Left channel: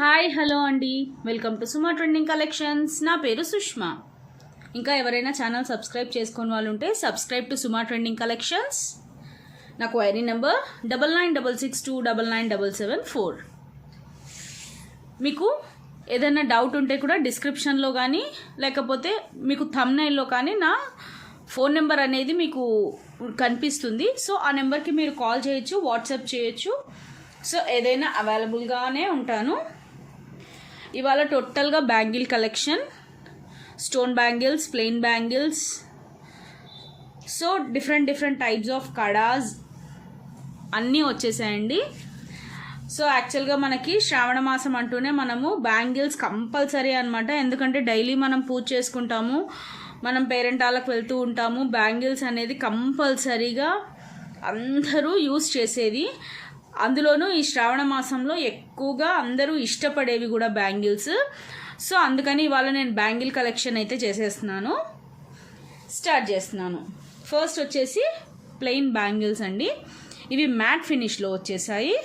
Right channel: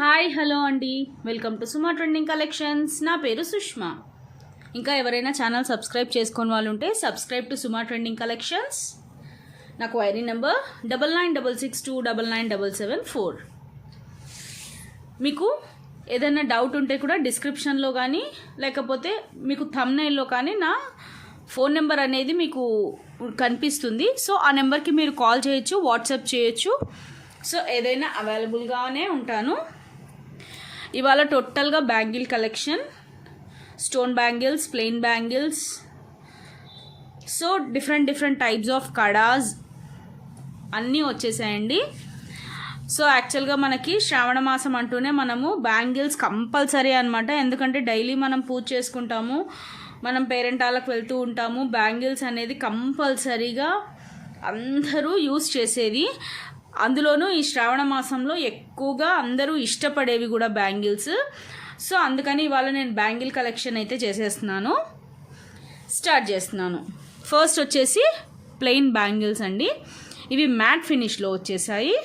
Hi hello అండి, welcome to Suma trending collections. నా పేరు సుష్మా. ఇంకా ఎవరైనా ఛానల్ సబ్స్క్రైబ్ చేసుకుని వాళ్ళు ఉంటే subscribe to Suma trending collections. నా క్వైరీ నెంబర్ 9966299774. మీకు ఏదైనా డౌట్ ఉంటే కూడా డిస్క్రిప్షన్లో కానీ లేకపోతే మీకు థంబ్నెయిల్లో కానీ నా ఫోన్ నెంబర్ అనేది మీకు కనిపిస్తుంది. సో ఆ నెంబర్కి మీరు కాల్ చేయొచ్చు, వాట్సాప్ చేయొచ్చు. సో ఏదైనా అవైలబుల్గానే ఉంటాను. ఇవాళ టోటల్గా bangle collection, stone bangles, plain bangles, so different types of kadas అన్నీ వచ్చేసాయండి. సో యాక్చువల్గా మనకి శ్రావణ మాసం అంటూనే మనము బ్యాంగిల్స్ కంపల్సరీ అనమాట. ఎందుకంటే డైలీ మనం పూజ చేసుకుంటాము, మనం పేరెంటాలకు వెళ్తూ ఉంటాము. బ్యాంగిల్స్ అనేది కంపల్సరీగా అందరూ యూస్ చేసేది. అందులోనూ ఈ శ్రావణ మాసంలో ఎక్కువగా అందరూ ఇష్టపడేవి కూడా బ్యాంగిల్స్. సో అందుకని ఇవాళ నేను బ్యాంగిల్ కలెక్షన్ అయితే స్టార్ట్ చేస్తున్నాను. ఫస్ట్ వచ్చేసి ప్లెయిన్ బ్యాంగిల్స్ అండి. ఇవి మ్యాట్ ఫినిష్లో వచ్చేసాయి.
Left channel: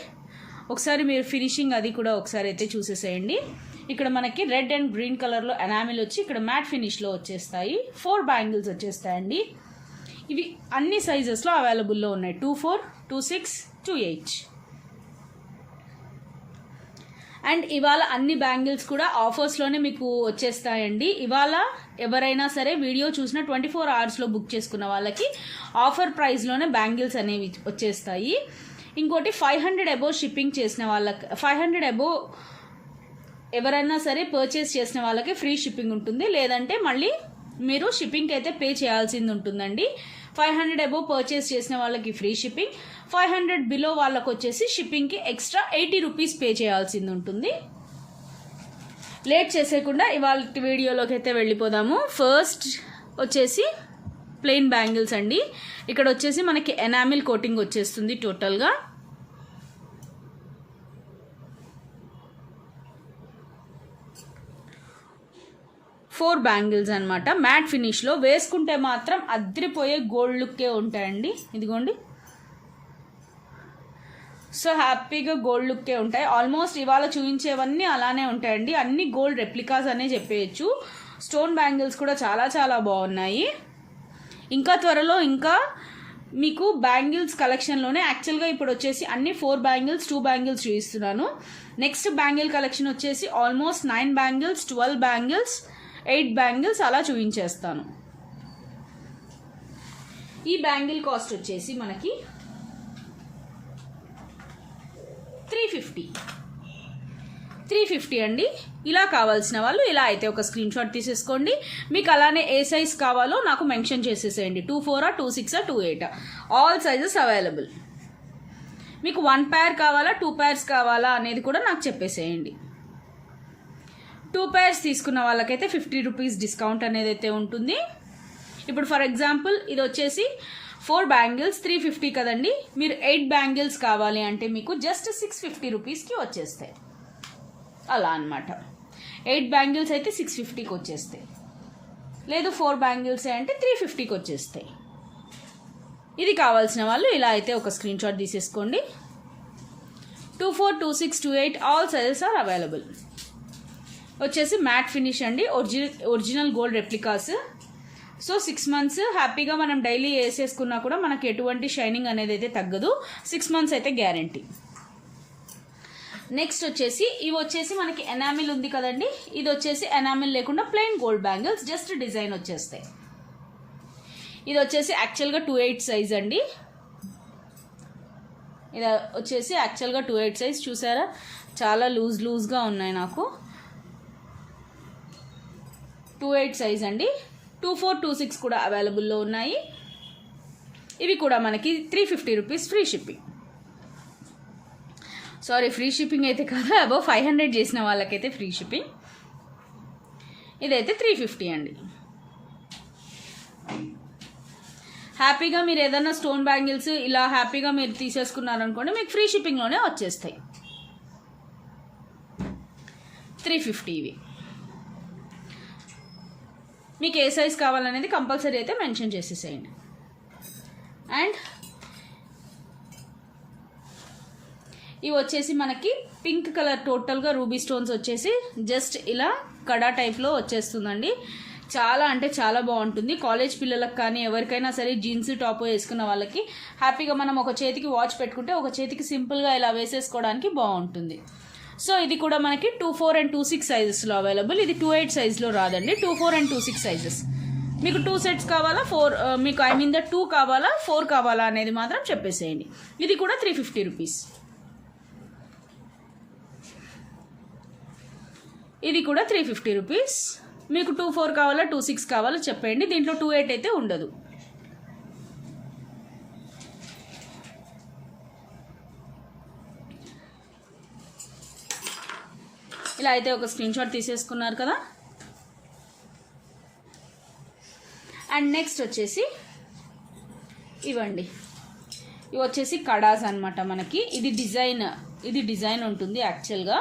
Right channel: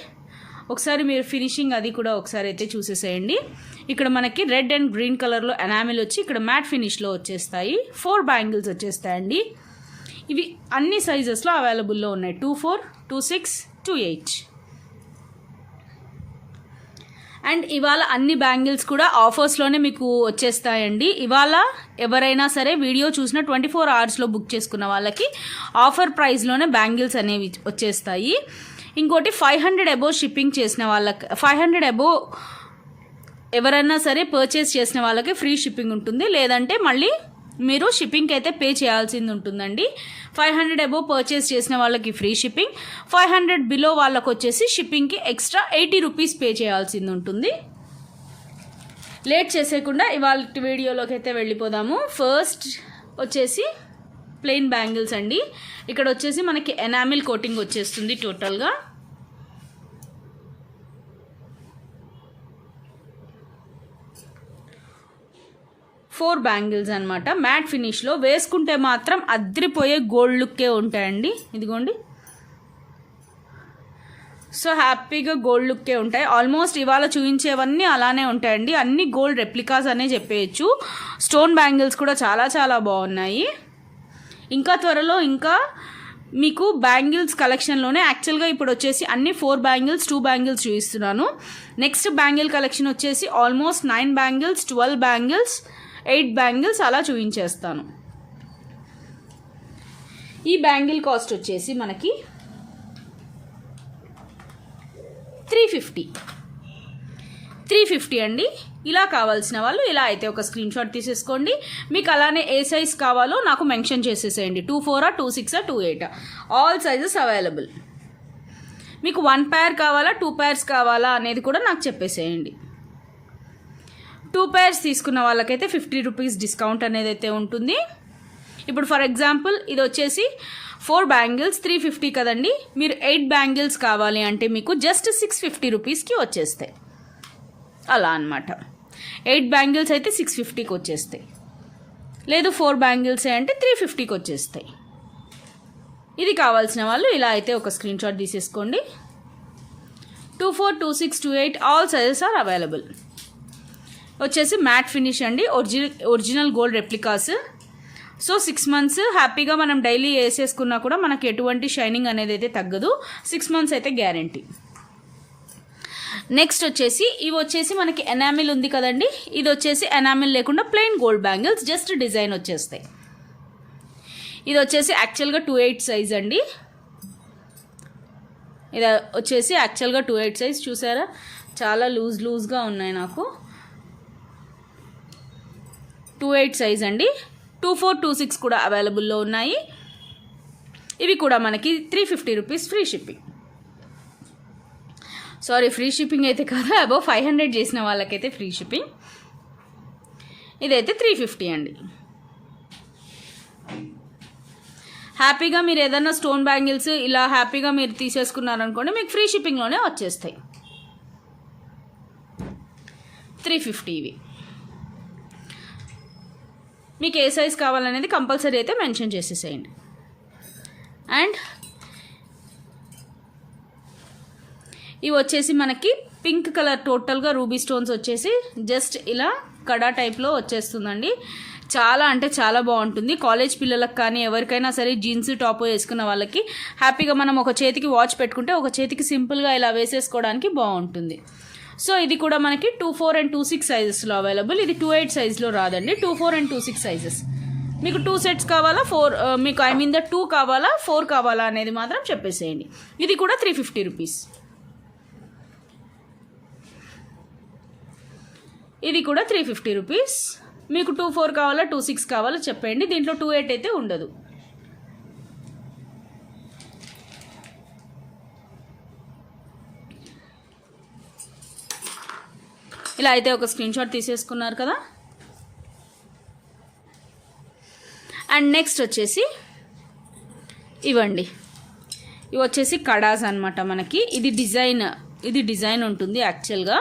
ఒకసారి మీరు ఫినిషింగ్ అది కూడా ఒకసారి అయితే చూసేసేయండి. ఇక్కడ మనకి రెడ్ అండ్ గ్రీన్ కలర్లో ఎనామిల్ వచ్చి ఇక్కడ మ్యాట్ ఫినిష్లో వచ్చేస్తాయి. 4 బ్యాంగిల్స్ వచ్చేస్తాయండి. ఇవి అన్ని సైజెస్లో అవైలబుల్లో ఉన్నాయి. 24, 26, 28. అండ్ ఇవాళ అన్ని బ్యాంగిల్స్ కూడా ఆఫర్స్లోనే మీకు వచ్చేస్తాయండి. ఇవాళ ఎవరైనా సరే వీడియో చూసిన 24 అవర్స్లో బుక్ చేసుకున్న వాళ్ళకి ఆఫర్ ప్రైస్లోనే బ్యాంగిల్స్ అనేవి వచ్చేస్తాయి. ఇంకోటి 500 అబోవ్ షిప్పింగ్ చేసిన వాళ్ళకి, 500 అబోవ్ ఎవరైనా సరే పర్చేస్ చేసిన వాళ్ళకి ఫ్రీ షిప్పింగ్ ఉంటుంది. లేదంటే మళ్ళీ మీరు షిప్పింగ్కి అయితే పే చేయాల్సింది ఉంటుందండి. 500 అబోవ్ పర్చేస్ చేసిన వాళ్ళకి ఫ్రీ షిప్పింగ్, 500 బిలో వాళ్ళకు వచ్చేసి షిప్పింగ్కి ఎక్స్ట్రా 80 రూపీస్ పే చేయాల్సింది ఉంటుంది. లేట్ చేసేయకుండా ఇవాళ వీడియోలోకి అయితే వెళ్ళిపోదాము. ఫస్ట్ వచ్చేసి ప్లెయిన్ బ్యాంగిల్స్ అండి. ఇక్కడ వచ్చేసి మనకి ఎనామిల్ కోటింగ్ వచ్చేస్తుంది టోటల్గా. ఫోర్ బ్యాంగిల్స్ అనమాట. మ్యాట్ ఫినిష్లో వేసుకుంటే మాత్రం అద్రిపోయే గోల్డ్ లుక్కే ఉంటాయండి. ఇదిగోండి, సో హ్యాపీగా గోల్డ్ లుక్కే ఉంటాయి. ఆల్మోస్ట్ ఇవాళ చూపించేవన్నీ అలానే ఉంటాయండి. అన్ని గోల్డ్ రెప్లికాస్ అనే చెప్పేయచ్చు. స్టోన్ బ్యాంగిల్స్ కూడా చాలా బాగున్నాయి. ఇంకా త్వరలో ఇంకా మీకు బ్యాంగిల్స్ కలెక్షన్లోనే యాక్చువల్గా ఇప్పుడు వచ్చేసి అన్ని 4 బ్యాంగిల్స్, 2 బ్యాంగిల్స్ చూపిస్తున్నాను. నెక్స్ట్ బ్యాంగిల్ కలెక్షన్ వచ్చేసి ఆల్మోస్ట్ 9 బ్యాంగిల్స్, 12 బ్యాంగిల్స్, 8 బ్యాంగిల్స్ అలా చూపించేస్తాను. ఈ బ్యాంగిల్ కాస్ట్ వచ్చేసి మనకి 350 అండి. ఇలా కావాల్సిన వాళ్ళు ఇలా అయితే ఒక స్క్రీన్ షాట్ తీసేసుకోండి. మీకు అలానే ఏ సైజ్ కావాలో నాకు మెన్షన్ చేసేసేయండి. 24, 26, 28 ఆల్ సైజెస్ అవైలబుల్. మీకు 1 పేర్ కావాలా, 2 పేర్స్ కావాలా అనేది కూడా నాకు చెప్పేసేయండి. 2 పేర్స్ తీసుకున్న వాళ్ళకైతే 50 రూపీస్ డిస్కౌంట్ అనేది అయితే ఉంటుంది. ఇప్పుడు ఫర్ ఎగ్జాంపుల్ ఇది వచ్చేసి 4 బ్యాంగిల్స్ 350 కదండి. మీరు 8 బ్యాంగిల్స్ కావాలి అంటే మీకు జస్ట్ 650 రూపీస్కి వచ్చేస్తాయి. అలా అనమాట. 8 బ్యాంగిల్స్ అయితే 650కి వచ్చేస్తాయి. లేదు 4 బ్యాంగిల్స్ అంటే 350కి వచ్చేస్తాయి. ఇది కావాల్సిన వాళ్ళు ఇలా అయితే ఒక స్క్రీన్ షాట్ తీసేసుకోండి. 24, 26, 28 ఆల్ సైజెస్ ఆర్ అవైలబుల్. వచ్చేసి మ్యాట్ ఫినిష్ అండి. Original gold replicas. So 6 months హ్యాపీగా మనం డైలీ వేసేసుకున్నా కూడా మనకి ఎటువంటి షైనింగ్ అనేది అయితే తగ్గదు. 6 మంత్స్ అయితే గ్యారంటీ. నెక్స్ట్ వచ్చేసి ఇవి వచ్చేసి మనకి ఎనామిల్ ఉంది కదండి. ఇది వచ్చేసి ఎనామిల్ లేకుండా plain gold bangles, just design వచ్చేస్తాయి. ఇది వచ్చేసి యాక్చువల్గా 28 సైజ్ అండి. ఇది వచ్చేసి యాక్చువల్గా 28 సైజ్. చూసారా, చాలా లూజ్గా ఉన్నాయి నాకు. 28 సైజ్ అండి. 24, 26 కూడా అవైలబుల్లో ఉన్నాయి. ఇవి కూడా మనకి 350 rupees free shipping. Sorry, free shipping అయితే కాదు, అబౌవ్ 500 చేసిన వాళ్ళకైతే ఫ్రీ షిప్పింగ్. ఇదైతే 350 అండి. హ్యాపీగా మీరు ఏదైనా స్టోన్ బ్యాంగిల్స్ ఇలా హ్యాపీగా మీరు తీసేసుకున్నారనుకోండి, మీకు ఫ్రీ షిప్పింగ్లోనే వచ్చేస్తాయి. 350 ఇవి. మీకు ఏ సైజ్ కావాలనేది కంపల్సరీ అయితే మెన్షన్ చేసేసేయండి. అండ్ ఇవి వచ్చేసి మనకి పింక్ కలర్ టోటల్గా రూబీ స్టోన్స్ వచ్చేసి జస్ట్ ఇలా కడా టైప్లో వచ్చేస్తుందండి. చాలా అంటే చాలా బాగుంటుంది. కాలేజ్ పిల్లలకు కానీ ఎవరికైనా సరే జీన్స్ టాప్ వేసుకున్న వాళ్ళకి హ్యాపీగా మనం ఒక చేతికి వాచ్ పెట్టుకుంటే ఒక చేతికి సింపుల్గా ఇలా వేసేసుకోవడానికి బాగుంటుంది. సో ఇది కూడా మనకి 24 and 26 సైజెస్లో అవైలబుల్. ఇది 28 సైజ్లో రాదండి, 24 and 26 సైజెస్. మీకు 2 సెట్స్ కావాలా, 4 మీకు ఐ మీన్ 2 కావాలా 4 కావాలా అనేది మాత్రం చెప్పేసేయండి. ఇది కూడా 350 రూపీస్. ఇది కూడా 350 రూపీస్. మీకు 24 కావాలా 26 కావాలా చెప్పండి. దీంట్లో 28 అయితే ఉండదు. ఇలా అయితే ఒక స్క్రీన్ షాట్ తీసేసుకున్నారు కదా. అండ్ నెక్స్ట్ వచ్చేసి ఇవ్వండి, ఇవి వచ్చేసి కడాస్ అనమాట మనకి. ఇది డిజైన్ ఉంటుంది యాక్చువల్గా.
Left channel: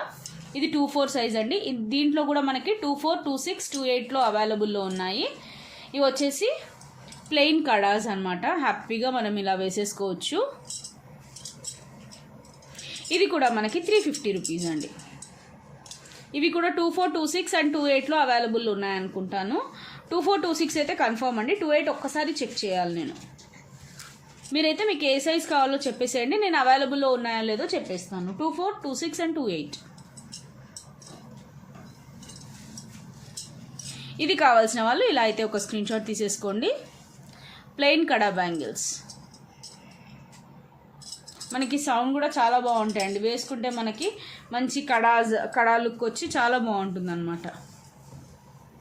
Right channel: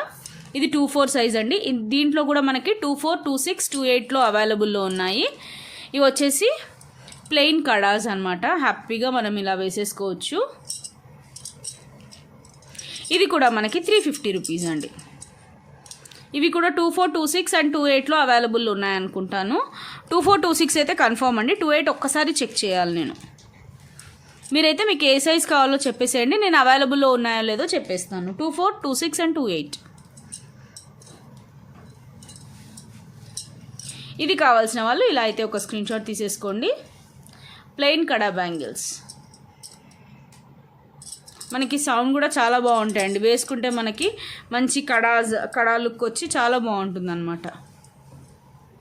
ఇది 24 సైజ్ అండి. దీంట్లో కూడా మనకి 24, 26, 28లో అవైలబుల్లో ఉన్నాయి. ఇవి వచ్చేసి ప్లెయిన్ కడాస్ అనమాట. హ్యాపీగా మనం ఇలా వేసేసుకోవచ్చు. ఇది కూడా మనకి 350 రూపీస్ అండి. ఇవి కూడా 24, 26 అండ్ 28లో అవైలబుల్ ఉన్నాయనుకుంటాను. 24, 26 అయితే కన్ఫర్మ్ అండి. 28 ఒక్కసారి చెక్ చేయాలి నేను. మీరైతే మీకు ఏ సైజ్ కావాలో చెప్పేసేయండి, నేను అవైలబుల్లో ఉన్నాయో లేదో చెప్పేస్తాను. 24, 26 అండ్ 28. ఇది కావాల్సిన వాళ్ళు ఇలా అయితే ఒక స్క్రీన్ షాట్ తీసేసుకోండి. ప్లెయిన్ కడా బ్యాంగిల్స్. మనకి సౌండ్ కూడా చాలా బాగుంటాయండి. వేసుకుంటే మనకి మంచి కడా లుక్ వచ్చి చాలా బాగుంటుంది అనమాట.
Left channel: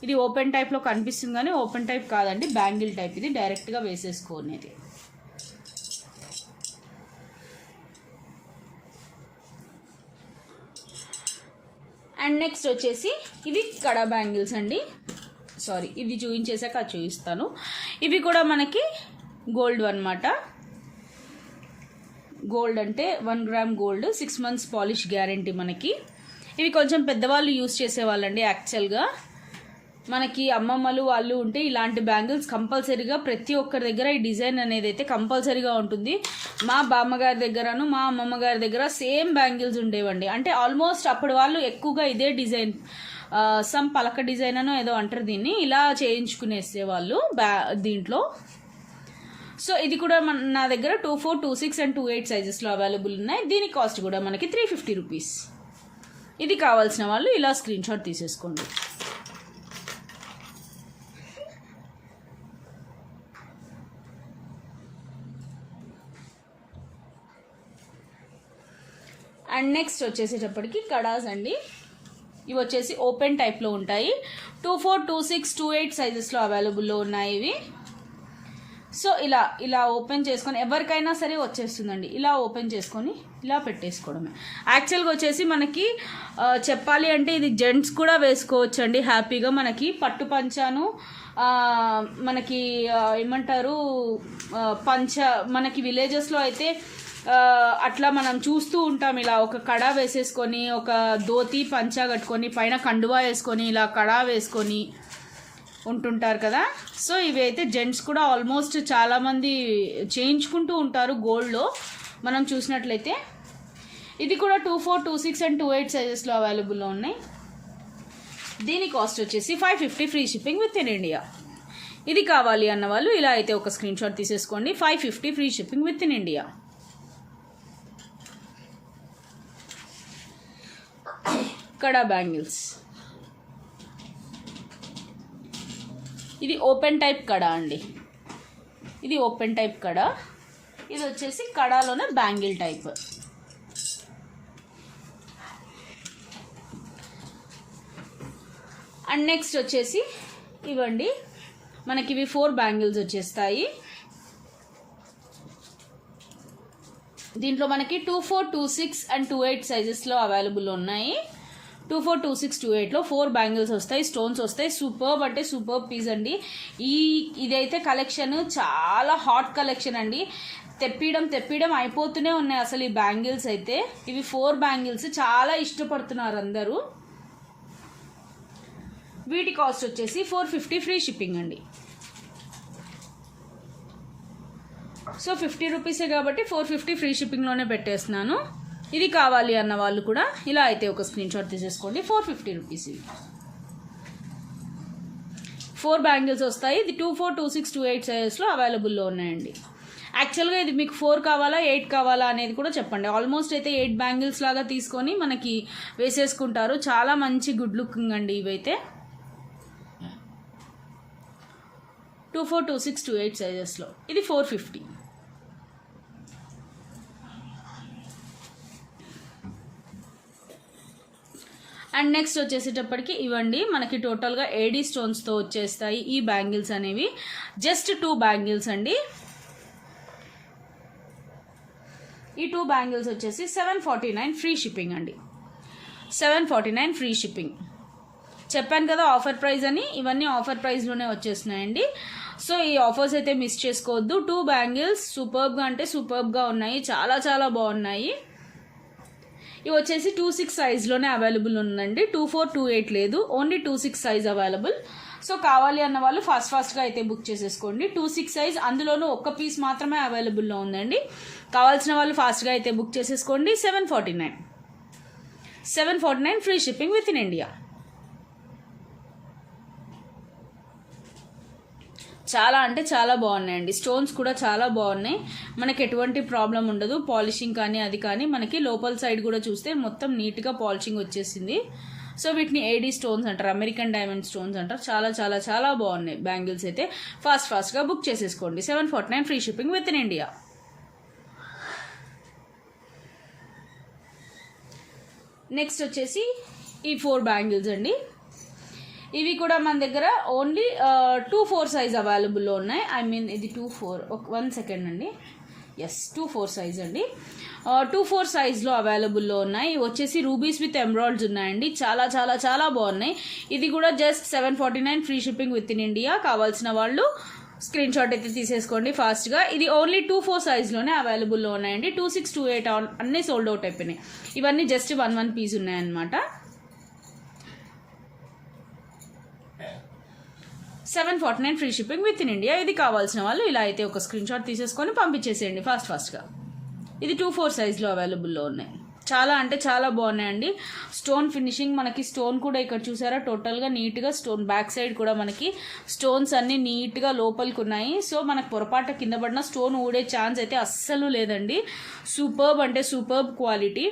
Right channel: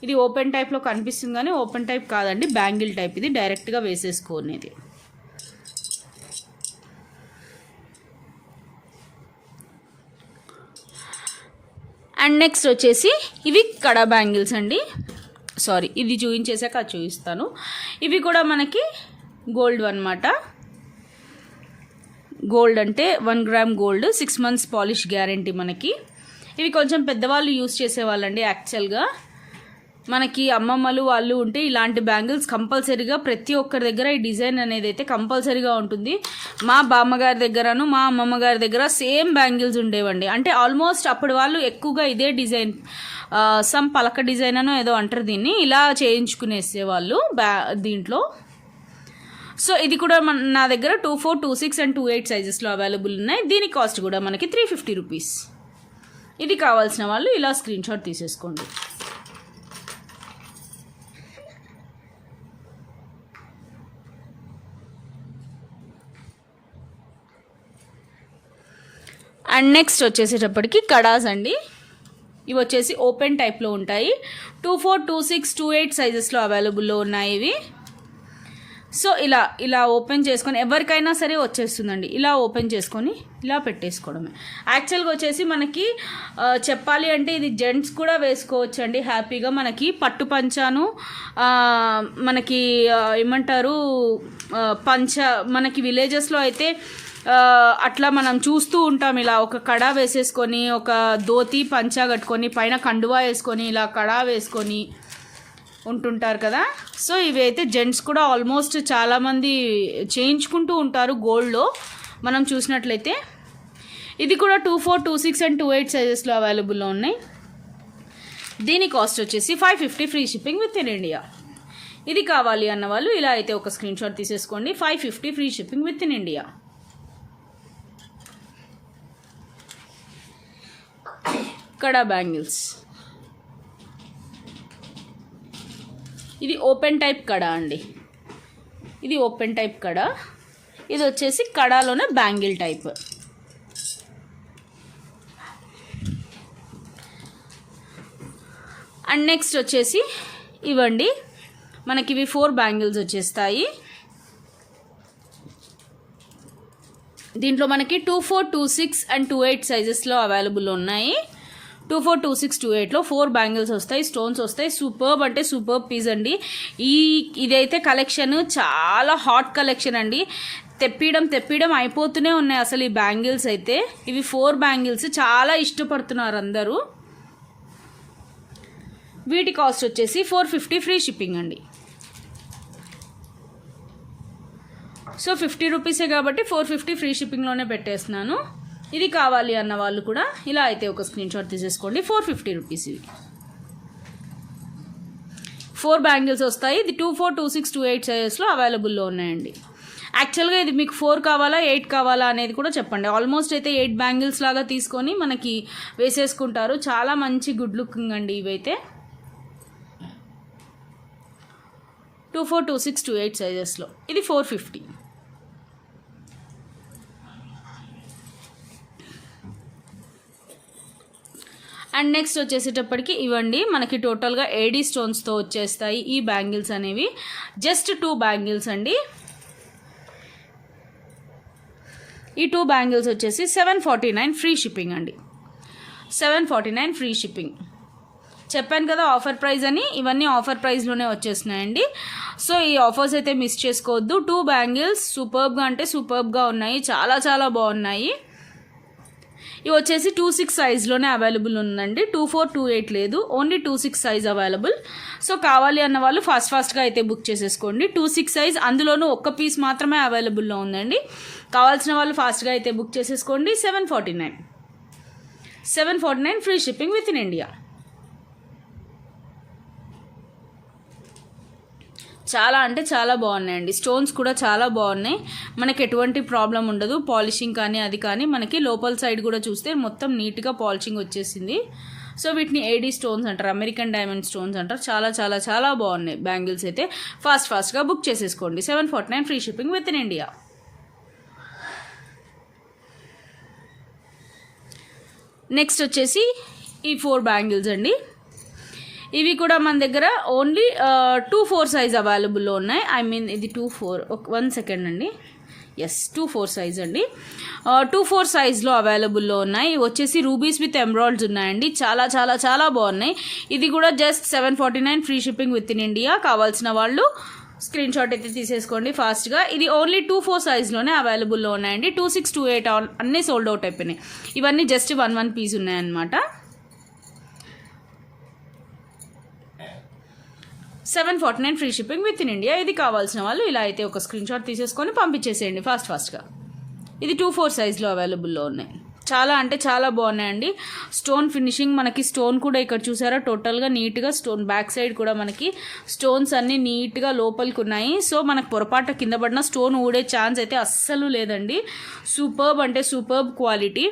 ఇది ఓపెన్ టైప్లో కనిపిస్తుంది కానీ ఓపెన్ టైప్ కాదండి, బ్యాంగిల్ టైప్. ఇది డైరెక్ట్గా వేసేసుకునేది. అండ్ నెక్స్ట్ వచ్చేసి ఇవి కడా బ్యాంగిల్స్ అండి. సారీ, ఇది చూపించేసాక అది చూపిస్తాను. ఇవి కూడా మనకి గోల్డ్ అనమాట. గోల్డ్ అంటే 1 gram gold, 6 months polish guarantee మనకి. ఇవి కొంచెం పెద్దవాళ్ళు యూజ్ చేసేవాళ్ళండి. యాక్చువల్గా మనకి అమ్మమ్మలు వాళ్ళు ఉంటే ఇలాంటి బ్యాంగిల్స్ కంపల్సరీగా ప్రతి ఒక్కరి దగ్గర ఈ డిజైన్ అనేది అయితే కంపల్సరీగా ఉంటుంది. మా బామ్మగారి దగ్గరను మా అమ్మమ్మ గారి దగ్గర సేమ్ బ్యాంగిల్స్ ఉండేవండి. అంటే ఆల్మోస్ట్ అప్పుడు వాళ్ళు ఎక్కువగా ఇదే డిజైన్, సమ్ పలక డిజైన్ అనో ఏదో అంటారు దీన్ని, ఇలా చేయించుకునేసేవాళ్ళు దీంట్లో. సో ఇది కూడా నా దగ్గర 24, 26 అండ్ 28 సైజెస్లో అవైలబుల్ ఉన్నాయి. దీని కాస్ట్ కూడా మనకి 350 రూపీస్. ఇది కావాల్సిన వాళ్ళు ఇలా స్క్రీన్ షాట్ తీసేసుకోండి. అండ్ నెక్స్ట్ వచ్చేసేటప్పటికి కడాస్ అండి. ఇవి వచ్చేసి ఓపెన్ టైప్లో ఉంటాయి. 24, 26, 28 సైజెస్లో అవైలబుల్లో ఉన్నాయి ఇవి. సో ఇలా ఓపెన్ చేసుకొని ఎవరికైనా సరే వచ్చేస్తుందండి. ఇలా ఓపెన్ చేసుకొని ఇలా పెట్టేసుకోవడమే. యాక్చువల్గా వచ్చేసి మనకి చెప్పాలి అంటే ఇది జెంట్స్ కూడా వేసుకోవచ్చు అండి హ్యాపీగా. మనకి పట్టు పంచాను మనకి ఏమంటారు పంచ, మనకి విలేజెస్లో అయితే అట్లా మనం చూస్తూ ఉంటాం. ఇలా ఒక కడా వేసేసుకొని ఒక ధోతి పంచా కట్టుకొని పైన కండువా వేసుకొని ఇలా కడా వేసుకొని ఉంటుంటారు కదా. సో ఇవి అయితే జెంట్స్ కూడా ఆల్మోస్ట్ చాలామంది చేయించుకుంటూ ఉంటారు గోల్డ్లో మనం చూసినట్లయితే. ఇది కూడా 24, 26 అండ్ 28 సైజెస్లో అవైలబుల్లో ఉన్నాయి. దీని కాస్ట్ వచ్చేసి 550 free shipping within India. ఇది కావాలి అన్న వాళ్ళు ఇలా అయితే ఒక స్క్రీన్ షాట్ తీసేసుకోండి. 550 free shipping within India. కడా బ్యాంగిల్స్. ఇది ఓపెన్ టైప్ కడా అండి. ఇది ఓపెన్ టైప్ కడా. ఇది వచ్చేసి కడాలోనే బ్యాంగిల్ టైప్. అండ్ నెక్స్ట్ వచ్చేసి ఇవ్వండి, మనకి ఇవి 4 బ్యాంగిల్స్ వచ్చేస్తాయి. దీంట్లో మనకి 24, 26 అండ్ 28 సైజెస్లో అవైలబుల్ ఉన్నాయి. 24, 26, 28లో 4 బ్యాంగిల్స్ వస్తాయి, స్టోన్స్ వస్తాయి. సూపర్బ్ అంటే సూపర్బ్ పీస్ అండి. ఇదైతే కలెక్షన్ చాలా హాట్ కలెక్షన్ అండి. తెప్పియడం అయిపోతూనే ఉన్నాయి అసలు ఈ బ్యాంగిల్స్ అయితే. ఇవి 4 బ్యాంగిల్స్ చాలా ఇష్టపడుతున్నారు అందరూ. వీటి కాస్ట్ వచ్చేసి 450 ఫ్రీ షిప్పింగ్ అండి. సో 50 రూపీసే కాబట్టి 450 ఫ్రీ షిప్పింగ్లోనే పెట్టేస్తున్నాను. ఇది కావాలి అన్న వాళ్ళు కూడా ఇలా అయితే ఒక స్క్రీన్ షాట్ తీసేసుకోండి. 450 రూపీస్ ఇవి. 4 బ్యాంగిల్స్ వస్తాయి. ఇది 24, 26, 28 సైజెస్లో అవైలబుల్లో ఉన్నాయండి. యాక్చువల్గా ఇది మీకు 4 కావాలా 8 కావాలా అనేది కూడా చెప్పండి. ఆల్మోస్ట్ అయితే 8 బ్యాంగిల్స్ లాగా తీసుకొని మనకి వేసేసుకుంటారు. చాలా మంచి గుడ్ లుకింగ్ అండి ఇవైతే. 24, 26, 28 సైజెస్లో ఇది 450. అండ్ నెక్స్ట్ వచ్చేసేటప్పటికి ఇవ్వండి మనకి టోటల్గా ఏడీ స్టోన్స్తో వచ్చేస్తాయి ఈ బ్యాంగిల్స్ అనేవి. జస్ట్ 2 బ్యాంగిల్స్ అండి. ఈ 2 బ్యాంగిల్స్ వచ్చేసి 749 ఫ్రీ షిప్పింగ్ అండి. 749 ఫ్రీ షిప్పింగ్. చెప్పాను కదా ఆఫర్ ప్రైస్ అని, ఇవన్నీ ఆఫర్ ప్రైస్లోనే వచ్చేస్తున్నాయండి. సో ఈ ఆఫర్స్ అయితే మిస్ చేసుకోవద్దు. 2 బ్యాంగిల్స్ సూపర్బ్గా అంటే సూపర్బ్గా ఉన్నాయి, చాలా చాలా బాగున్నాయి. ఇవి వచ్చేసి 26 సైజ్లోనే అవైలబుల్ ఉందండి. 24, 28 లేదు, ఓన్లీ 26 సైజ్ అవైలబుల్. సో కావాలి అన్న వాళ్ళు ఫాస్ట్గా అయితే బుక్ చేసేసుకోండి. 26 సైజ్, అందులోనూ ఒక్క పీస్ మాత్రమే అవైలబుల్లో ఉందండి. కావాల్సిన వాళ్ళు ఫాస్ట్గా అయితే బుక్ చేసేసుకోండి. 749 free shipping within India. చాలా అంటే చాలా బాగున్నాయండి. స్టోన్స్ కూడా చాలా బాగున్నాయి. మనకి ఎటువంటి ప్రాబ్లం ఉండదు. పాలిషింగ్ కానీ అది కానీ మనకి లోపల సైడ్ కూడా చూస్తే మొత్తం నీట్గా పాలిషింగ్ వచ్చేసింది. సో వీటిని ఏడీ స్టోన్స్ అంటారు, అమెరికన్ డైమండ్ స్టోన్స్ అంటారు. చాలా చాలా చాలా బాగున్నాయి బ్యాంగిల్స్ అయితే. ఫాస్ట్గా బుక్ చేసేసుకోండి. 749 free shipping within India. Next వచ్చేసి ఈ 4 బ్యాంగిల్స్ అండి. ఇవి కూడా మన దగ్గర ఓన్లీ 24 సైజ్ అవైలబుల్లో ఉన్నాయి. ఐ మీన్ ఇది 24, 1 సెకండ్ అండి. ఎస్, 24 సైజ్ అండి. 24 సైజ్లో అవైలబుల్లో ఉన్నాయి. వచ్చేసి రూబీస్ విత్ ఎమరాల్డ్స్ ఉన్నాయండి. చాలా చాలా చాలా బాగున్నాయి. ఇది కూడా just 749 free shipping within India. కావాల్సిన వాళ్ళు స్క్రీన్ షాట్ అయితే తీసేసుకోండి ఫాస్ట్గా. ఇది ఓన్లీ 24 సైజ్లోనే అవైలబుల్లో ఉన్నాయండి. 26, 28 అన్నీ సోల్డ్ అవుట్ అయిపోయినాయి. ఇవన్నీ జస్ట్ 1 పీస్ ఉన్నాయన్నమాట. 749 free shipping within India. ఇది కావాల్సిన వాళ్ళు ఇలా అయితే ఒక స్క్రీన్ షాట్ తీసేసుకొని పంపించేసేయండి ఫాస్ట్గా. ఇది 24 సైజ్లో అవైలబుల్లో ఉన్నాయి. చాలా అంటే చాలా బాగున్నాయండి. స్టోన్ ఫినిషింగ్ మనకి, స్టోన్ కూడా ఇక్కడ చూసారా టోటల్గా నీట్గా స్టోన్, బ్యాక్ సైడ్ కూడా మనకి స్టోన్స్ అన్నీ నీట్గా లోపలికి ఉన్నాయి. సో మనకు పొరపాటు కింద పడిన స్టోన్ ఊడే ఛాన్స్ అయితే అస్సలు లేదండి. సూపర్బ్ అంటే సూపర్బ్ క్వాలిటీ.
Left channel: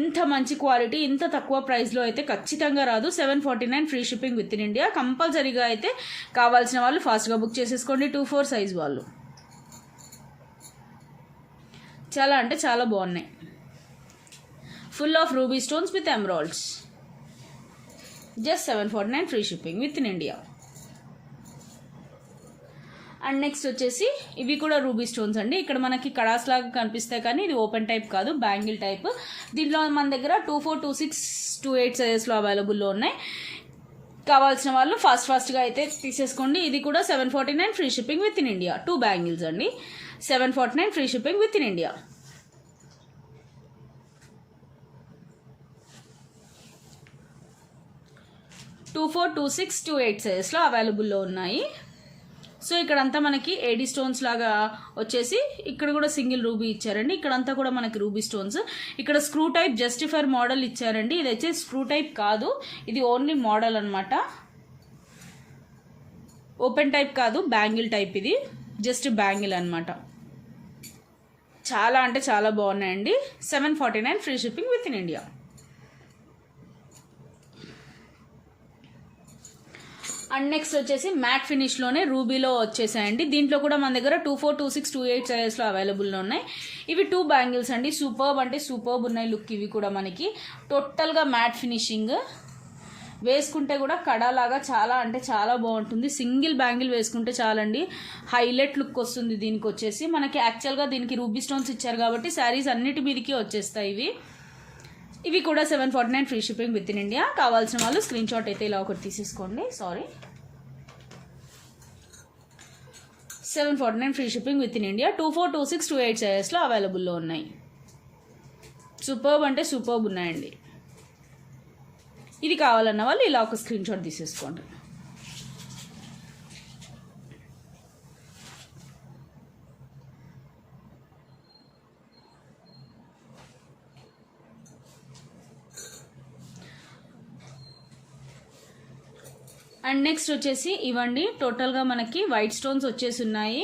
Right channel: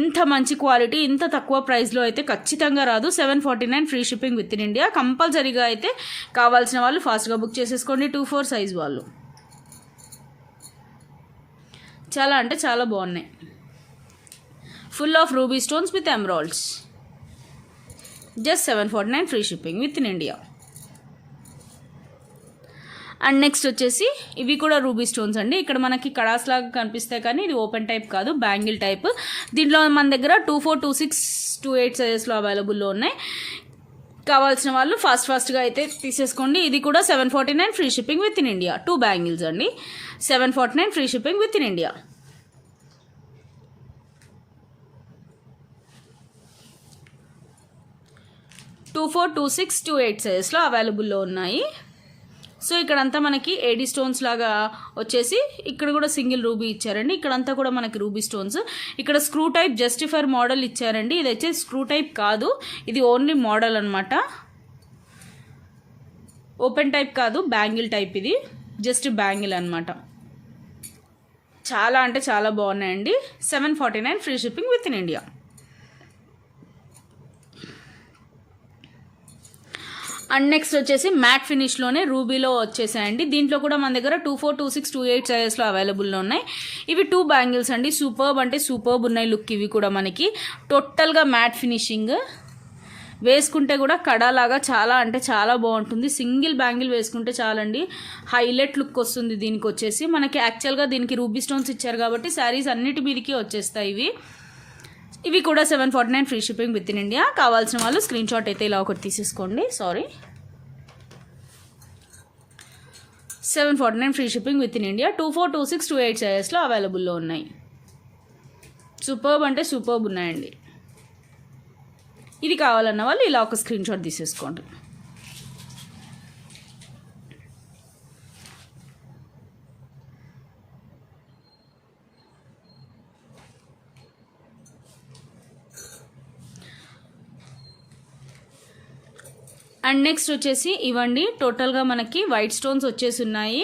ఇంత మంచి క్వాలిటీ ఇంత తక్కువ ప్రైస్లో అయితే ఖచ్చితంగా రాదు. 749 free shipping within India. కంపల్సరీగా అయితే కావాల్సిన వాళ్ళు ఫాస్ట్గా బుక్ చేసేసుకోండి. 24 సైజ్ వాళ్ళు. చాలా అంటే చాలా బాగున్నాయి. Full of ruby stones with emeralds. Just 749 free shipping within India. And next వచ్చేసి ఇవి కూడా రూబీ స్టోన్స్ అండి. ఇక్కడ మనకి కడాస్ లాగా కనిపిస్తాయి కానీ ఇది ఓపెన్ టైప్ కాదు, బ్యాంగిల్ టైప్. దీంట్లో మన దగ్గర 24, 26, 28 సైజెస్లో అవైలబుల్లో ఉన్నాయి. కావాల్సిన వాళ్ళు ఫాస్ట్గా అయితే తీసేసుకోండి. ఇది కూడా 749 free shipping within India. 2 bangles అండి. 749 free shipping within India. 24, 26, 28 సైజెస్లో అవైలబుల్లో ఉన్నాయి. సో ఇక్కడంతా మనకి ఏడీ స్టోన్స్ లాగా వచ్చేసి ఇక్కడ కూడా సింగిల్ రూబీ ఇచ్చారండి. ఇక్కడంతా కూడా మనకి రూబీ స్టోన్స్. ఇక్కడ స్క్రూ టైప్ జస్టిఫైర్ మోడల్ ఇచ్చారండి. ఇది వచ్చి స్క్రూ టైప్ కాదు, ఇది ఓన్లీ మోడల్ అనమాట. ఓపెన్ టైప్ కాదు, బ్యాంగిల్ టైప్. ఇది జస్ట్ బ్యాంగిల్ అనమాట. చాలా అంటే చాలా బాగున్నాయండి. 749 free shipping within India. And next వచ్చేసి మ్యాట్ ఫినిష్లోనే రూబీలో వచ్చేసాయండి. దీంట్లో కూడా మన దగ్గర 24, 26, 28 సైజెస్లో అవైలబుల్లో ఉన్నాయి. ఇవి 2 బ్యాంగిల్స్ అండి. సూపర్బ్ అంటే సూపర్బ్ ఉన్నాయి లుక్. ఇవి కూడా మనకి టోటల్గా మ్యాట్ ఫినిషింగ్. వేసుకుంటే కూడా కడాలాగా చాలా అంటే చాలా బాగుంటుంది. సింగిల్ బ్యాంగిల్ వేసుకుంటే చాలండి, హైలైట్ లుక్ వస్తుంది. దీనికి వచ్చేసి మనకి యాక్చువల్గా దీనికి రూబీ స్టోన్స్ ఇచ్చారు కాబట్టి శారీస్ అన్నిటి మీదకి వచ్చేస్తాయి ఇవి. ఇవి కూడా 749 free shipping within India. కావాల్సిన వాళ్ళు స్క్రీన్ షాట్ అయితే ఇలా ఒకటి తీసేసుకోండి. 749 free shipping within India. 24, 26, 28 సైజెస్లో అవైలబుల్లో ఉన్నాయి. సూపర్బ్ అంటే సూపర్బ్ ఉన్నాయండి. ఇది కావాలన్న వాళ్ళు ఇలా ఒక స్క్రీన్ షాట్ తీసేసుకోండి. అండ్ నెక్స్ట్ వచ్చేసి ఇవ్వండి, టోటల్గా మనకి వైట్ స్టోన్స్ వచ్చేసి ఉన్నాయి.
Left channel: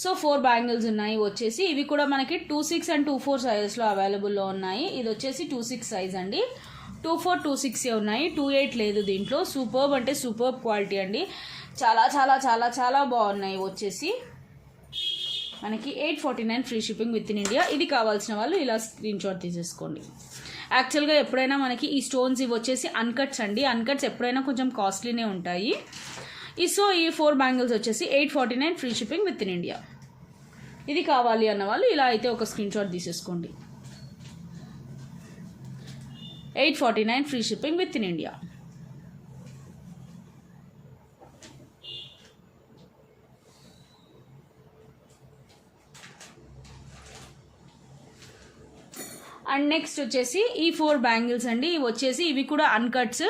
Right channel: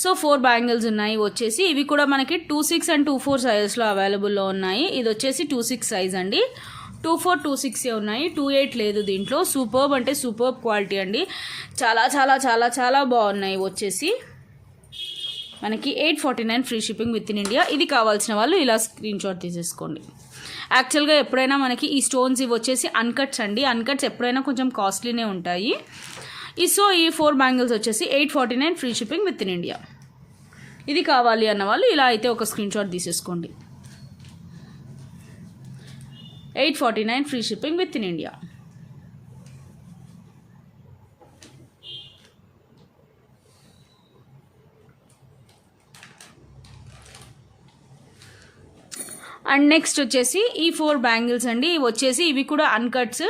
సో 4 బ్యాంగిల్స్ ఉన్నాయి వచ్చేసి. ఇవి కూడా మనకి 26 అండ్ 24 సైజెస్లో అవైలబుల్లో ఉన్నాయి. ఇది వచ్చేసి 26 సైజ్ అండి. 24, 26 ఉన్నాయి, 28 లేదు దీంట్లో. సూపర్బ్ అంటే సూపర్బ్ క్వాలిటీ అండి. చాలా చాలా చాలా చాలా బాగున్నాయి వచ్చేసి. మనకి 849 free shipping within India. ఇది కావాల్సిన వాళ్ళు ఇలా స్క్రీన్ షాట్ తీసేసుకోండి. యాక్చువల్గా ఎప్పుడైనా మనకి ఈ స్టోన్స్ ఇవి వచ్చేసి అన్కట్స్ అండి. అన్కట్స్ ఎప్పుడైనా కొంచెం కాస్ట్లీనే ఉంటాయి. ఈ 4 బ్యాంగిల్స్ వచ్చేసి 849 free shipping within India. ఇది కావాలి అన్న వాళ్ళు ఇలా అయితే ఒక స్క్రీన్ షాట్ తీసేసుకోండి. 849 free shipping within India. And next వచ్చేసి ఈ 4 బ్యాంగిల్స్ అండి. ఇవి వచ్చేసి ఇవి కూడా అన్కట్స్.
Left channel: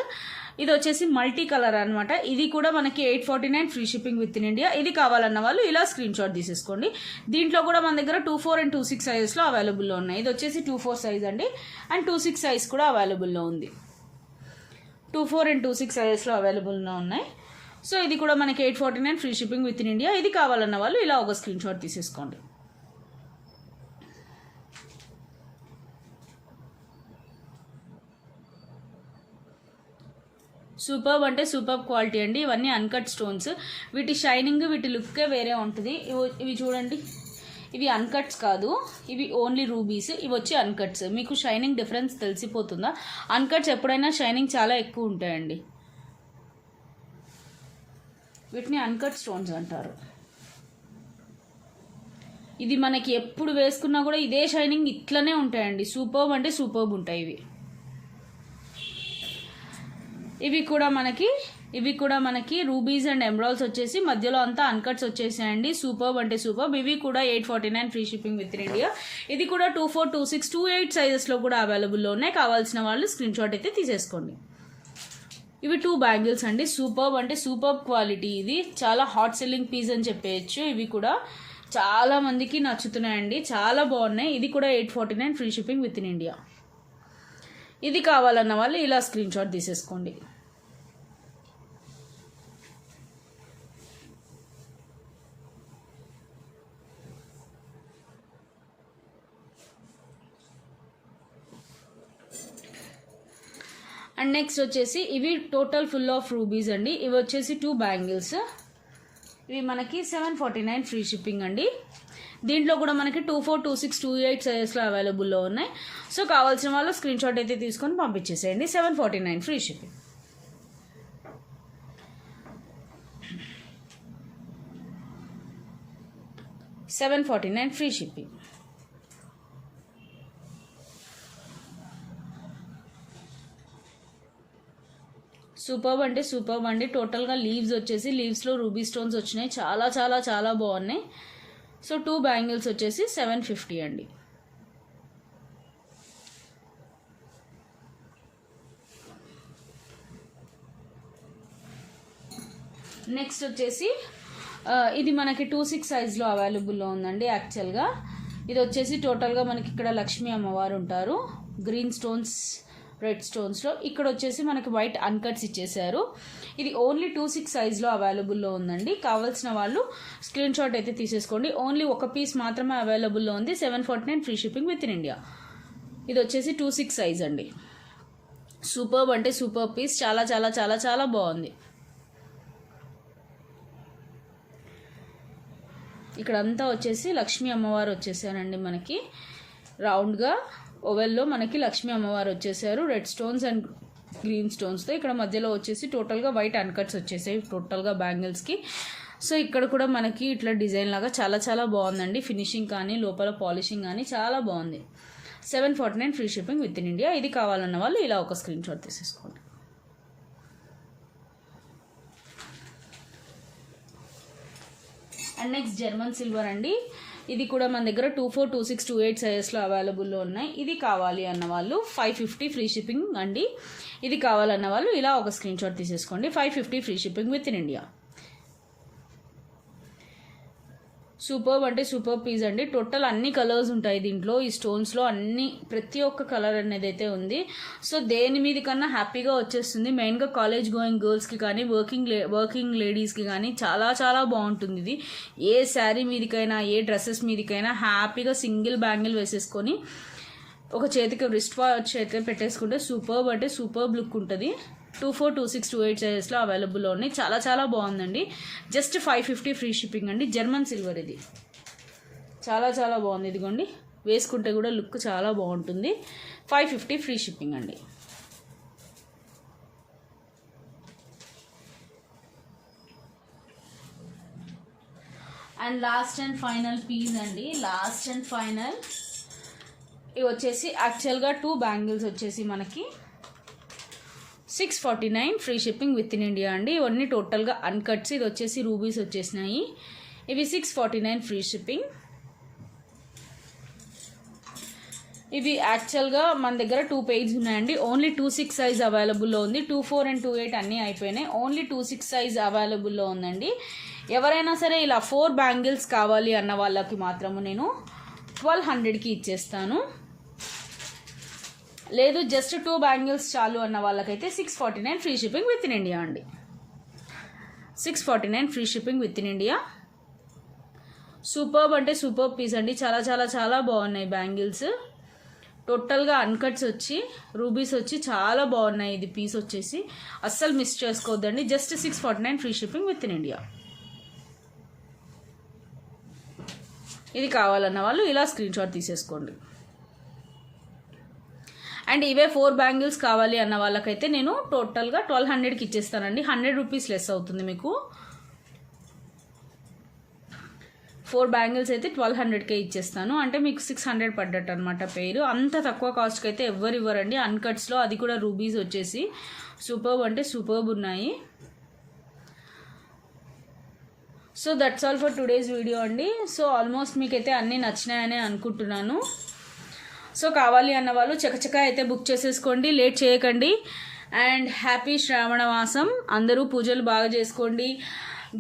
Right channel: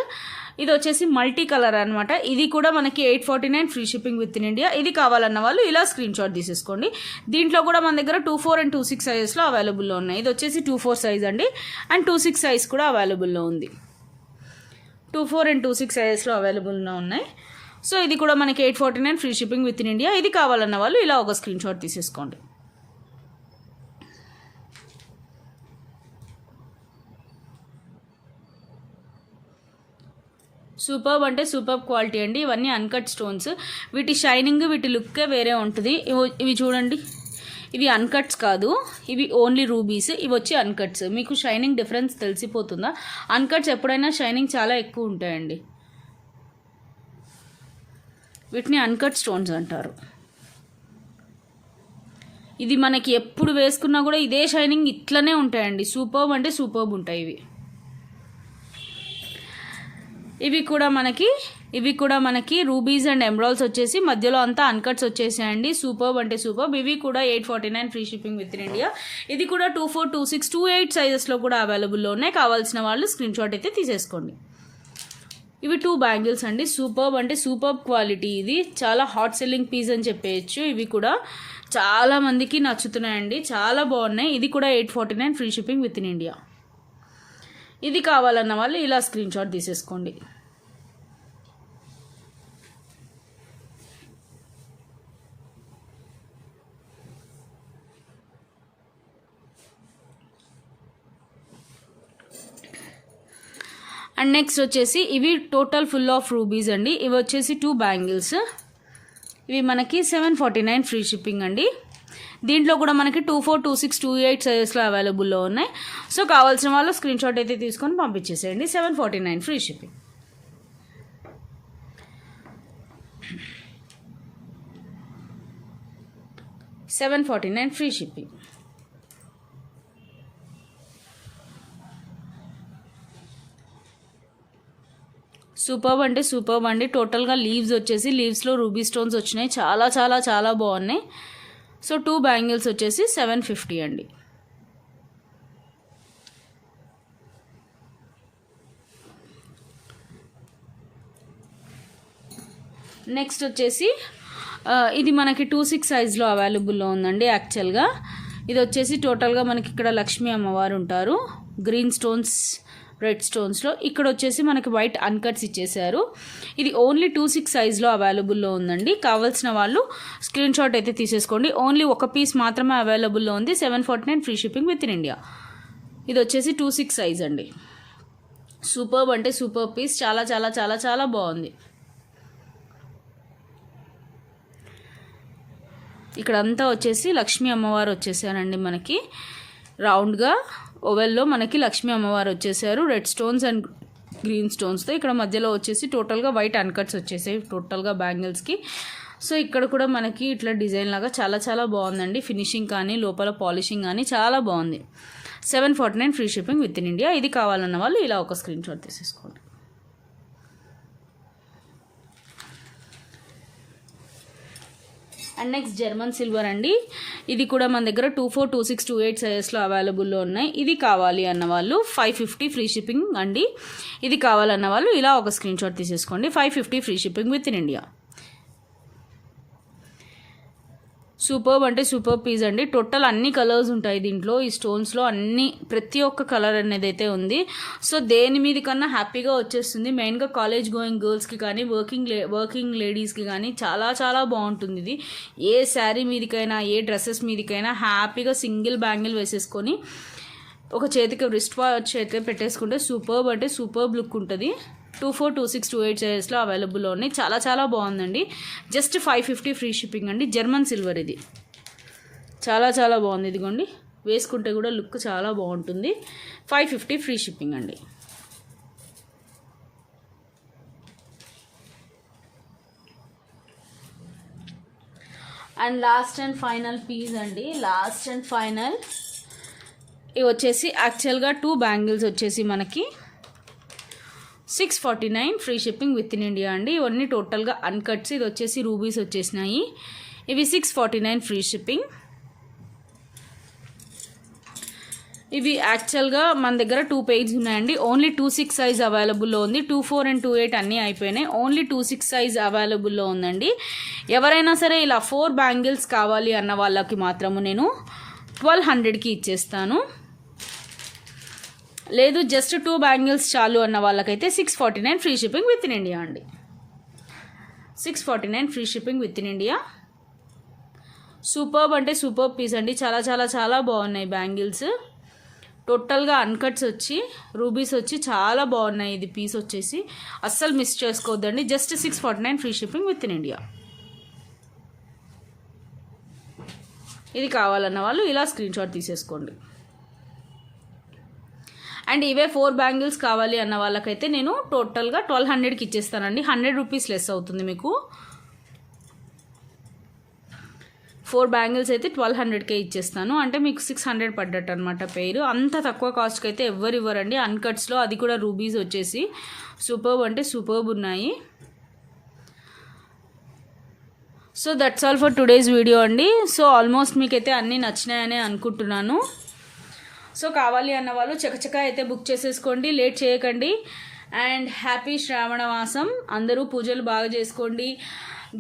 ఇది వచ్చేసి మల్టీ కలర్ అనమాట. ఇది కూడా మనకి 849 free shipping within India. ఇది కావాలన్న వాళ్ళు ఇలా స్క్రీన్ షాట్ తీసేసుకోండి. దీంట్లో కూడా మన దగ్గర 24 అండ్ 26 సైజెస్లో అవైలబుల్లో ఉన్నాయి. ఇది వచ్చేసి 24 సైజ్ అండి. అండ్ 26 సైజ్ కూడా అవైలబుల్లో ఉంది. 24 అండ్ 26 సైజెస్లో అవైలబుల్లో ఉన్నాయి. సో ఇది కూడా మనకి 849 free shipping within India. ఇది కావాలన్న వాళ్ళు ఇలా ఒక స్క్రీన్ షాట్ తీసేసుకోండి. సూపర్బ్ అంటే సూపర్బ్ క్వాలిటీ అండి. ఇవన్నీ అన్కట్ స్టోన్స్. వీటి షైనింగ్, వీటి లుక్కే వేరే ఉంటుంది. ఇవి చూడండి, ఇవి అన్కట్స్ కాదు, ఇవి ఓన్లీ రూబీస్. ఇవి వచ్చి అన్కట్స్. మీకు షైనింగ్ డిఫరెన్స్ తెలిసిపోతుందా? అన్కట్స్ ఎప్పుడైనా షైనింగ్ చాలా ఎక్కువ ఉంటాయండి. వీటిని అన్కట్ స్టోన్స్ అంటారు. ఇది మనకి ఎప్పుడు వేసుకున్నా కూడా ఇదే షైనింగ్ ఇట్లనే ఉంటాయండి. సూపర్బ్ అంటే సూపర్బ్ ఉంటాయి ఇవి. ఇవి కూడా మనకి రూబీస్ అండ్ ఎమరాల్డ్స్ వచ్చేసి మధ్యలో అంతా అన్కట్స్ వచ్చేసాయండి. సూపర్బ్ అంటే సూపర్బ్. ఇవి కూడా 849 free shipping within India. ఇది కూడా 24, 26, 28 సైజెస్లో కూడా అవైలబుల్లో ఉన్నాయి. కావాల్సిన వాళ్ళు స్క్రీన్ షాట్ అయితే తీసేసుకోండి. ఇవి 2 బ్యాంగిల్స్ అండి. సూపర్బ్ అంటే సూపర్బ్ క్వాలిటీ. ఇది చాలా హాట్ సెల్లింగ్ పీస్ అని చెప్పేయచ్చు. ఇవి కూడా చాలా మందికి నచ్చుతున్నాయండి, చాలా బాగున్నాయి. ఇది కూడా 849 free shipping within India. ఇది కావాలన్న వాళ్ళు ఇలా స్క్రీన్ షాట్ తీసేసుకోండి. అండ్ నెక్స్ట్ వచ్చేసి ఇవి టోటల్ ఫుల్ ఆఫ్ రూబీస్ అండి. ఇవి వచ్చేసి 2 బ్యాంగిల్స్. ఇవి మనకి 749 ఫ్రీ షిప్పింగ్ అండి. దీంట్లో కూడా మనకి 24, 26, 28 సైజెస్లో అవైలబుల్లో ఉన్నాయి. సో కావాల్సిన వాళ్ళు స్క్రీన్ షాట్ అయితే తీసుకొని పంపించేసేయండి. 749 free shipping. $749 free shipping. Superb అంటే సూపర్బ్ అండి. టోటల్గా లీవ్స్ వచ్చేసి లీవ్స్లో రూబీ స్టోన్స్ వచ్చినాయి. చాలా చాలా చాలా బాగున్నాయి. సో 2 బ్యాంగిల్స్ వచ్చేసి 750 అండి. నెక్స్ట్ వచ్చేసి ఇది మనకి 26 సైజ్లో అవైలబుల్లో ఉందండి. యాక్చువల్గా ఇది వచ్చేసి టోటల్గా మనకి ఇక్కడ లక్ష్మీ అమ్మవారు ఉంటారు. గ్రీన్ స్టోన్స్, రెడ్ స్టోన్స్లో. ఇక్కడ వచ్చేసి మనకి వైట్ అన్కట్స్ ఇచ్చేసారు. ఇది ఓన్లీ 26 సైజ్లో అవైలబుల్లో ఉందండి. కావాల్సిన వాళ్ళు స్క్రీన్ షాట్ అయితే తీసేసుకోండి. ఓన్లీ ఒక పీస్ మాత్రమే అవైలబుల్లో ఉంది. 749 free shipping within India. ఇది వచ్చేసి 26 సైజ్ అండి. సూపర్బ్ అంటే సూపర్ పీస్. చాలా చాలా చాలా చాలా బాగుంది. ఇక్కడ అంతా వచ్చేసి లక్ష్మీ అమ్మవారు వచ్చేసారండి. మనకి రౌండ్గా ఓవెల్లో మనకి లక్ష్మీ అమ్మవారు వచ్చేసారు. రెడ్ స్టోన్స్ అండ్ గ్రీన్ స్టోన్స్తో. ఇక్కడ మధ్యలో వచ్చేసి టోటల్గా వైట్ అన్కట్స్ వచ్చేసాయి టోటల్గా బ్యాంగిల్స్కి. సో ఇక్కడ కూడా మనకి ఇట్లా డిజైన్ లాగా చాలా చాలా బాగుందండి. ఫినిషింగ్ కానీ లోపల పాలిషింగ్ కానీ చాలా బాగుంది. 749 free shipping within India. ఇది కావాలన్న వాళ్ళు ఇలా ఒక స్క్రీన్ షాట్ తీసేసుకోండి. అండ్ నెక్స్ట్ జర్మన్ సిల్వర్ అండి. ఇది కూడా మన దగ్గర 24, 26, 28 సైజెస్లో అవైలబుల్లో ఉన్నాయి. ఇది కావాలి అన్న వాళ్ళు 550 ఫ్రీ షిప్పింగ్ అండి. ఇది కావాలన్న వాళ్ళు ఇలా ఒక స్క్రీన్ షాట్ తీసేసుకోండి. 550 free shipping within India. Superb అంటే సూపర్ పీస్ అండి. టోటల్ అన్ని కలర్స్ ఉంటాయి దీంట్లో. ఈ స్టోన్స్లో అన్ని ప్రతి ఒక్క కలర్ అనేది అయితే ఉంది. సో దేని మీద కన్నా హ్యాపీగా వచ్చేస్తుంది. మెయిన్గా కాలేజ్ గోయింగ్ గర్ల్స్కి కానీ వర్కింగ్ లేడీస్కి కానీ చాలా చాలా బాగుంటుంది ఇది. ఏ శారీ మీదకైనా ఏ డ్రెస్సెస్ మీదకైనా హ్యాపీగా సింగిల్ బ్యాంగిల్ వేసేసుకొని ఒక చేతికి రిస్ట్ వాచ్ అయితే పెట్టేసుకుంటే సూపర్బ్ అంటే సూపర్బ్ లుక్ ఉంటుంది. 24, 26, 28 సైజెస్లో అవైలబుల్లో ఉన్నాయి. చాలా చాలా బాగుందండి. జస్ట్ 550 ఫ్రీ షిప్పింగ్ అండి. జర్మన్ సిల్వర్ ఇది చాలా చాలా బాగుంది. ఇదిగోండి వేసుకుంటే కూడా లుక్ చాలా బాగుంటుంది. 550 ఫ్రీ షిప్పింగ్ అండి. And last and final piece అండి. లాస్ట్ అండ్ ఫైనల్ ఇవి వచ్చేసి యాక్చువల్గా 2 బ్యాంగిల్స్ వచ్చేసి మనకి 649 free shipping within India అండి. ఇవన్నీ టోటల్గా అన్కట్స్. ఇది వచ్చేసి రూబీస్ వచ్చేసినాయి. ఇవి 649 ఫ్రీ షిప్పింగ్. ఇవి యాక్చువల్గా మన దగ్గర 2 పేజెస్ ఉన్నాయండి. ఓన్లీ 26 సైజ్ అవైలబుల్లో ఉంది. 24 and 28 అన్నీ అయిపోయినాయి. ఓన్లీ 26 సైజ్ అవైలబుల్లో ఉందండి. ఎవరైనా సరే ఇలా 4 బ్యాంగిల్స్ కావాలి అన్న వాళ్ళకి మాత్రము నేను 1200కి ఇచ్చేస్తాను. లేదు జస్ట్ 2 బ్యాంగిల్స్ చాలు అన్న వాళ్ళకైతే 649 free shipping within India అండి. 649 free shipping within India. Superb అంటే సూపర్ పీస్ అండి. చాలా చాలా చాలా బాగున్నాయి బ్యాంగిల్స్. టోటల్గా అన్కట్స్ వచ్చి రూబీస్ వచ్చి చాలా బాగున్నాయి. ఇది పీస్ వచ్చేసి అస్సలు మిస్ చేసుకోవద్దండి. Just 649 free shipping within India. ఇది కావాలన్న వాళ్ళు ఇలా స్క్రీన్ షాట్ తీసేసుకోండి. అండ్ ఇవే 4 బ్యాంగిల్స్ కావాలి అన్న వాళ్ళకైతే నేను టోటల్గా 1200కి ఇచ్చేస్తానండి. 100 రూపీస్ లెస్ అవుతుంది మీకు. 4 బ్యాంగిల్స్ అయితే 1200కే ఇచ్చేస్తాను. అంటే మీకు 600 పడ్డట్టు అనమాట పేరు. అంత తక్కువ కాస్ట్కి అయితే ఎవ్వరు ఇవ్వరండి అన్కట్స్లో. అది కూడా రూబీస్ వచ్చేసి సూపర్బ్ అంటే సూపర్బ్ ఉన్నాయి. So that's all for today's video అండి. సో ఆల్మోస్ట్ మీకైతే అన్నీ నచ్చినాయని అనుకుంటున్నాను. సో కావాలి అన్న వాళ్ళు చకచక అయితే బుక్ చేసేసుకోండి. లేట్ చేయకండి. అండ్ హ్యాపీ శ్రావణ మాసం. అందరూ పూజలు బాగా చేసుకోండి.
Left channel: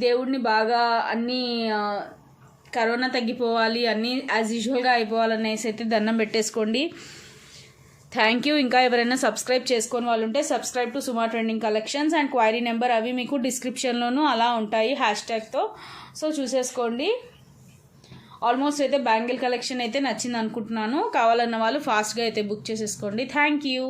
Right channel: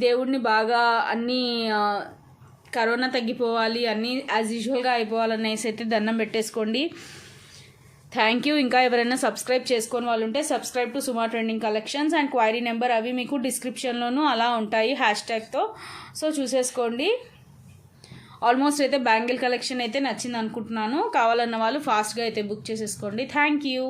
దేవుడిని బాగా అన్నీ కరోనా తగ్గిపోవాలి, అన్నీ యాజ్ యూజువల్గా అయిపోవాలనేసి అయితే దండం పెట్టేసుకోండి. Thank you. ఇంకా ఎవరైనా సబ్స్క్రైబ్ చేసుకొని వాళ్ళు ఉంటే subscribe to Suma trending collections. And query number అవి మీకు డిస్క్రిప్షన్లోనూ అలా ఉంటాయి హ్యాష్ట్యాగ్తో. సో చూసేసుకోండి. ఆల్మోస్ట్ అయితే బ్యాంగిల్ కలెక్షన్ అయితే నచ్చింది అనుకుంటున్నాను. కావాలన్న వాళ్ళు ఫాస్ట్గా అయితే బుక్ చేసేసుకోండి. Thank you.